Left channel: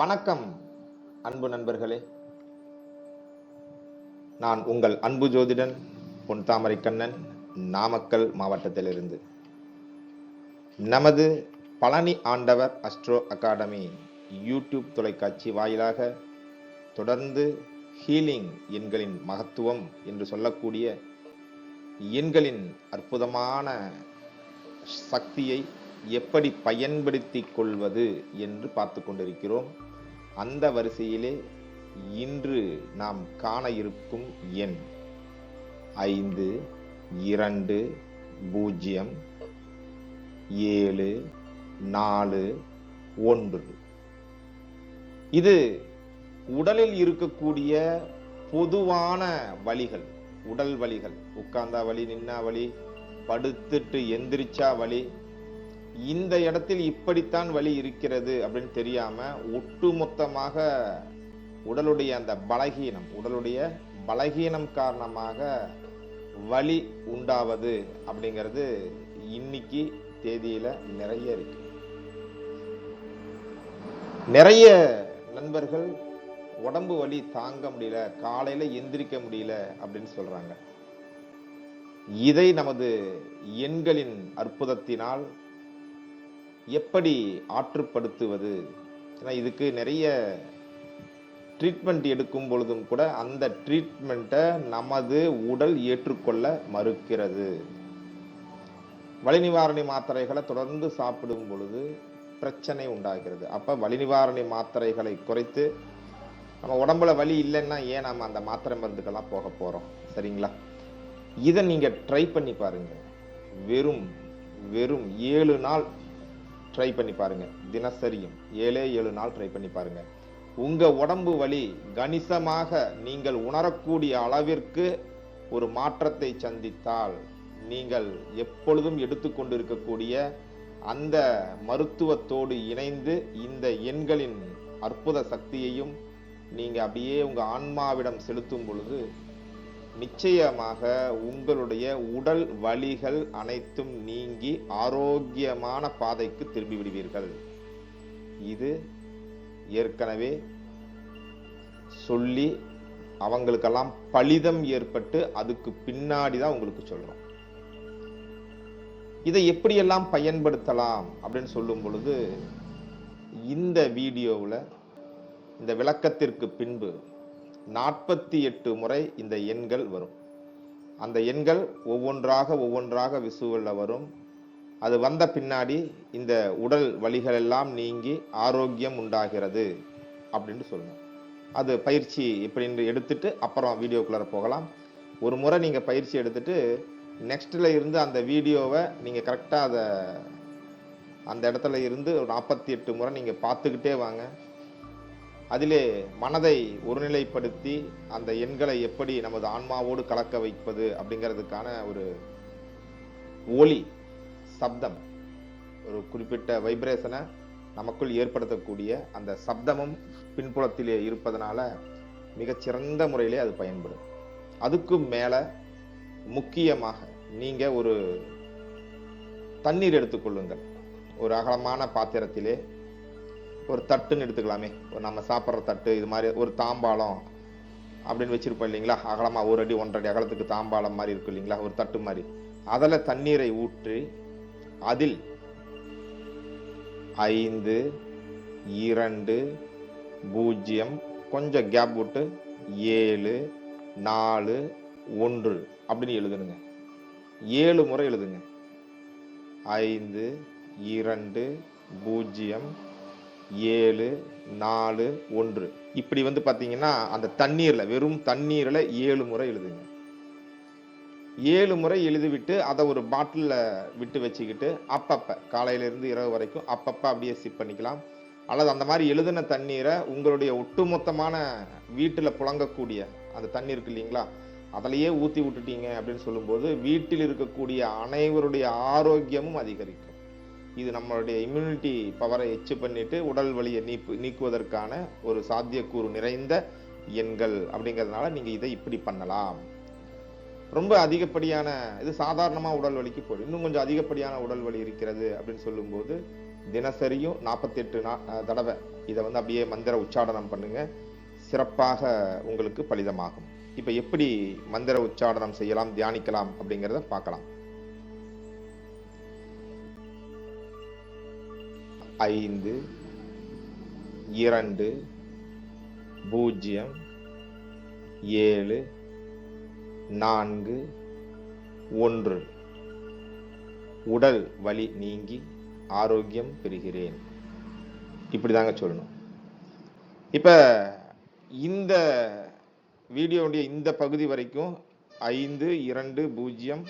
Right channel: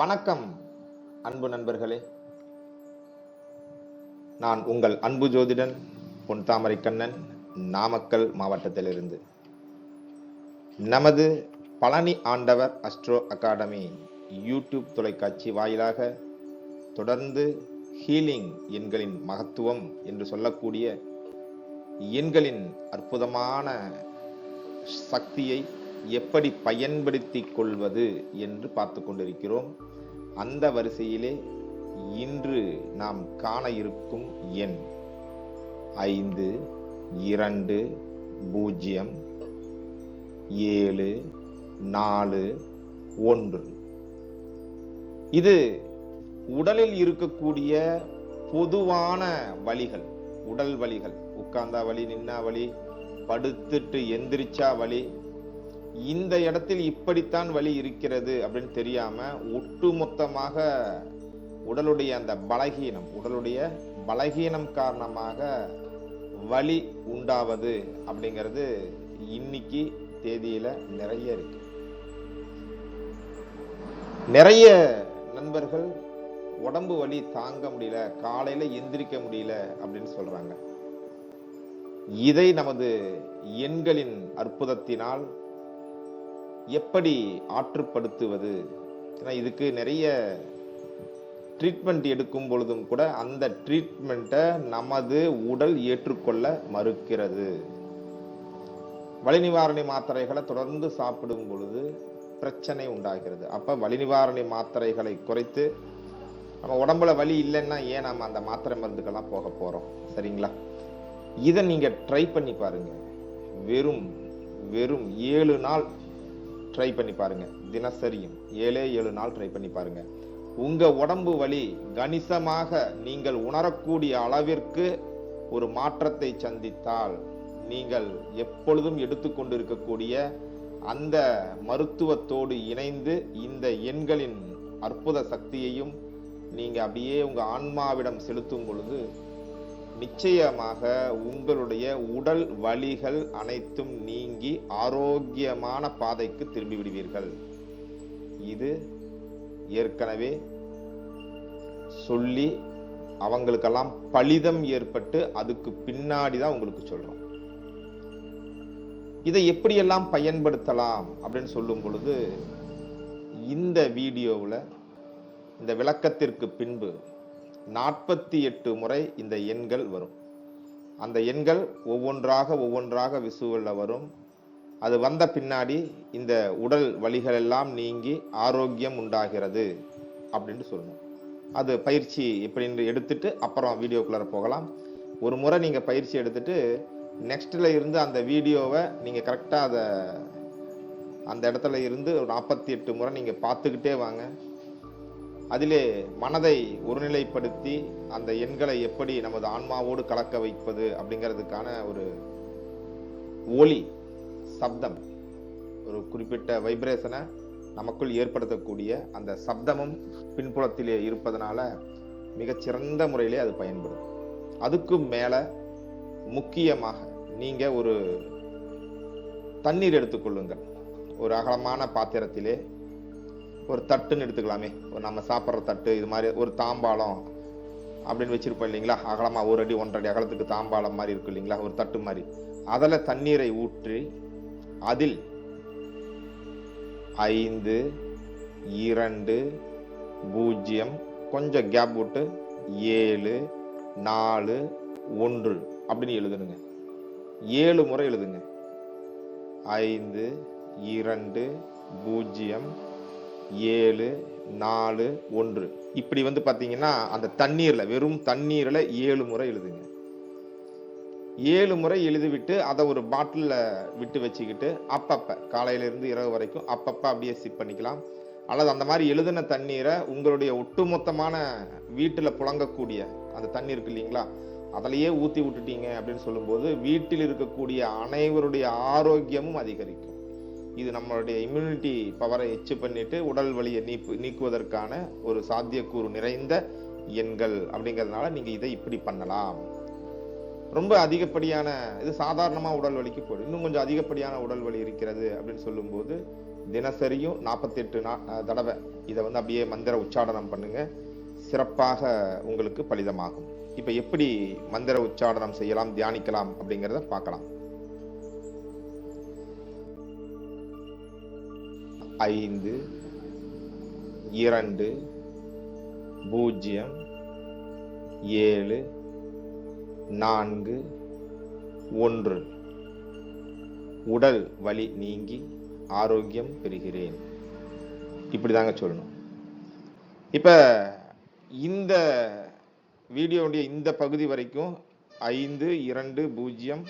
வணக்கம் அன்பு நண்பர்களே. நான் உங்கள் அன்பு ஜோதிடன் பொன் தாமரை கண்ணன், நாமக்கல் மாவட்டத்திலிருந்து. நமது பழனி ஆண்டவர் அஸ்ட்ரோ அகாடமி யூடியூப் தொலைக்காட்சி வாயிலாக தொடர்ந்து ஹீலிங் எண்களின் மகத்துவம் என்று சொல்லக்கூடிய எண்களின் அற்புதமான சக்தியை எப்படி பயன்படுத்திக் கொள்வது என்று பார்த்து கொண்டிருக்கிறோம். அந்த வரிசையிலே இன்று நாம் காண இருக்கும் எண் 520741. இது உடலில் இருக்கக்கூடிய பொதுவான வலிகள், உடல் வலிகள், உட்கார்ந்தா வலி, நின்னா வலி, படுத்துட்டு எந்திரிச்சா வலி, இந்த இடத்தில் இப்படித்தான் வலி இருக்கிறது அப்படின்னு தெரியாம ஒட்டுமொத்தமாக உடலுடைய அந்த பலகீனம் காரணமாக வலி உண்டாவது அப்படிங்கிறது இன்னைக்கு தேதியில நிறைய இருக்கு. நிறைய நண்பர்கள் உடம்பு வலி தாங்க முடியல, காலையில எந்திரிக்க முடியல அப்படின்னு சொல்றாங்க. இதை நமது எண்களின் அற்புதத்தினால் எப்படி ஆற்றுப்படுத்துவது? ஏன்னா இதுக்கு நிறைய ட்ரீட்மெண்ட் எடுக்கும் பொழுதும் கூட அந்த ட்ரீட்மெண்ட்டை நமது உடல் ஏற்றுக்கொள்ள மறுக்கிறது. வலி நிவாரணி மாத்திரைகளை தொடர்ந்து சாப்பிடும் பொழுது பிரச்சனை உண்டாகிறது. அப்ப வலி நிவாரணி மாத்திரைகளை குறைத்து நம்ம உடம்புல வலி இல்லைன்னா ஏன் நம்ம அந்த மாத்திரை மருந்துக்கெல்லாம் போக போறோம்? சரிங்களா? இதை நீங்க ட்ரை பண்ணி பாருங்க. வெறும் 7 நாள் ட்ரை பண்ணி பாருங்க. தினசரியும் 7 நாள் ட்ரை பண்ணி பாருங்க. உங்க உடம்பு வலி கணிசமாக நீங்கள் உணரக்கூடிய அளவிற்கு ஒரு மாற்றத்தை சந்தித்தால் நீங்கள் எப்பொழுதும் எடுத்துக்கொண்டு இருக்கக்கூடிய அந்த மருத்துவத்தோடு இணைந்து இந்த எண்களின் அற்புத சக்தியையும் நீங்க அப்படியே உங்க ஆன்மாவிடம் செலுத்தும் பொழுது நிச்சயமாக உங்களுடைய உடல் வலிகள் அனைத்தும் நீங்கி ஆரோக்கியமான பாதைக்கு திரும்பி விடுவீர்கள். இது ஏற்கனவே சொல்லி அவங்களுக்கெல்லாம் பலிதம் ஏற்பட்டு அதுக்கு பின்னாடிதான் உங்களுக்கு சொல்றோம். இதை எப்படியெல்லாம் பயன்படுத்தலாம் அப்படின்னு சொல்லும் பொழுது இந்த வீடியோவில் இந்த விளக்கத்திற்கு பின்பு 48 முறை இந்த எண்கள் வரும். அந்த எண்கள் ஒவ்வொன்றாக விசுவல்ல வரும். அது வந்த பின்னாடி இந்த உடல் வலிகள் எல்லாம் நீங்கி ஆரோக்கியம் உண்டாகிறது அப்படின்னு சொல்லணும். அது பயிற்சி எப்படின்னு எடுத்துட்டு அப்புறம் வீடியோக்குள்ளார போகலாம். ஒரு முறை நீங்க பயிற்சி எடுத்துட்டு நெக்ஸ்ட்ல இருந்து அந்த வீடியோவை நீங்க கரெக்டா அந்த இடத்துல இருந்து 48 முறை நீங்க பார்த்துக்கிட்டே வாங்க. அதிலே மனதை ஒருநிலைப்படுத்தி அந்த எண்களை எப்படி நமது ஆன்மாவோடு கலக்க வைப்பது அப்படிங்கிறதுக்கான ஒரு ஒலி, சப்தம், ஒரு குறிப்பிட்ட வைப்ரேஷனை நமக்குள் ஏற்படுத்தக்கூடிய அந்த சப்தமும் பின்புலத்திலே இருப்பதனால மிகச்சிறந்த முறையிலே அது பயன்படும். அதுக்கும் மேல முக்கியமாக நீங்க ஒரு தண்ணீர் எடுத்துக்கொள்ளுங்கள். ஒரு அகலமான பாத்திரத்திலே ஒரு தட்டுன்னு எடுத்துக்கலாமே, ஒரு நம்ம சாப்பிட்ற தட்டு, இது மாதிரி ஒரு தாம்பாளம் அப்படின்னு வச்சிருப்போம் இல்லைங்களா? அகலமா 1 அடி 1.5 அடி அகலத்துக்கு தாம்பாளம் மாதிரி இருக்கு இல்லைங்களா? ஒரு தட்டு மாதிரி. அதில் தண்ணீரை ஊற்றி அதில் 520 கொஞ்சம் கேப் விட்டு 741 அப்படின்னு எழுதுனுங்க. 7 முறை எழுதுங்க. 5207441. இப்படி பாத்தீங்கன்னா அந்த தண்ணீர்ல, வெறும் தண்ணீர்ல 7 முறை எழுதுங்க. 7 முறை எழுதிவிட்டு அதை ஒரு பாட்டில்ல விட்டு வச்சுக்கிட்டு அப்பப்ப காலையில இருந்து இரவு வரைக்கும் அப்பப்ப அப்படியே சிப் பண்ணிக்கலாம். அல்லது அந்த மாதிரி எழுதின தண்ணீரை உங்களுடைய ஒட்டுமொத்தமான வீட்டுல புழங்கக்கூடிய அந்த தண்ணீர் இருக்கு இல்லைங்களா, அதிலேயே ஊத்தி விட்டுட்டீங்க அப்படின்னு சொல்லும்போது வீட்டில் இருக்கக்கூடிய அனைவருடைய ஆரோக்கியமும் அதிகரிக்கும். இது நம்மளுடைய இம்யூனிட்டி பவரை எச்சு பண்ணிட்டு உடல் வலியை நீக்குவதற்கான ஒரு சாத்தியக்கூறு நிறைந்த எண்கள் அப்படிங்கிறதுனால நீங்க இதை இப்படி பண்ணலாம். ரொம்ப அதிகப்படியான இது சாதாரணமா உடல் வலிக்கு போடும். இன்னும் கொஞ்சம் அதிகப்படியான உடல் வலி இருக்கிறது அப்படின்னு சொல்லும்போது தினசரியும் 48 தடவை இதை வந்து அப்படியே மந்திர உச்சாடனம் பண்ணுங்க. சிறப்பாக உங்களுக்கு பலிதமாகும். இப்ப எப்படி மந்திர உச்சாடனம் செய்யலாம், தியானிக்கலாம் அப்படிங்கிறத பார்க்கலாம். 5 2 0 7 4 1 உடல் வலி நீங்கி ஆரோக்கியம் பெறுகிறேன். இப்படிதாங்க சொல்லணும். இப்ப இந்த வீடியோவுடைய இந்த பகுதி வரைக்கும் 5 2 0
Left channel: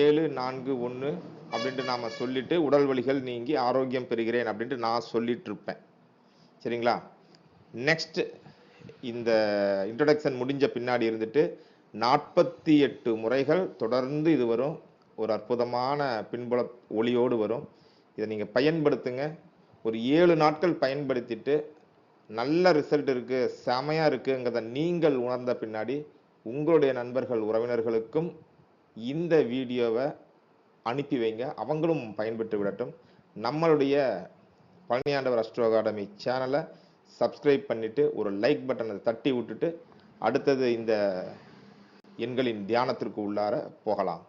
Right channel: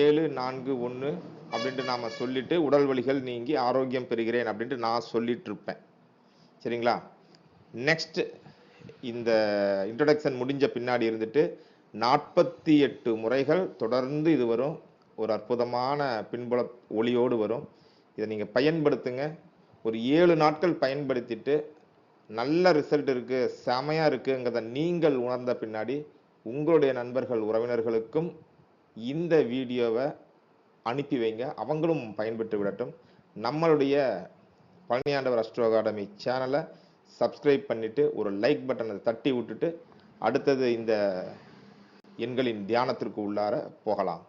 7 4 1 அப்படின்ட்டு நாம சொல்லிட்டு உடல் வலிகள் நீங்கி ஆரோக்கியம் பெறுகிறேன் அப்படின்ட்டு நான் சொல்லிட்டு இருப்பேன். சரிங்களா? நெக்ஸ்ட் இந்த இன்ட்ரோடக்ஷன் முடிஞ்ச பின்னாடி இருந்துட்டு 48 முறைகள் தொடர்ந்து இது வரும். ஒரு அற்புதமான பின்புல ஒளியோடு வரும். இதை நீங்க பயன்படுத்துங்க. ஒரு 7 நாட்கள் பயன்படுத்திட்டு நல்ல ரிசல்ட் இருக்கு, செமையா இருக்குங்கிறத நீங்கள் உணர்ந்த பின்னாடி உங்களுடைய நண்பர்கள் உறவினர்களுக்கும் இந்த வீடியோவை அனுப்பி வைங்க. அவங்களும் பயன்பெற்று விடட்டும். நம்மளுடைய பழனியாண்டவர் அஸ்ட்ரோ அகாடமி சேனலை சப்ஸ்கிரைப் பண்ணிட்டு ஒரு லைக் பட்டனை தட்டி விட்டுட்டு அடுத்தது இந்த எண்களின் தியானத்திற்கு உள்ளார போகலாம்.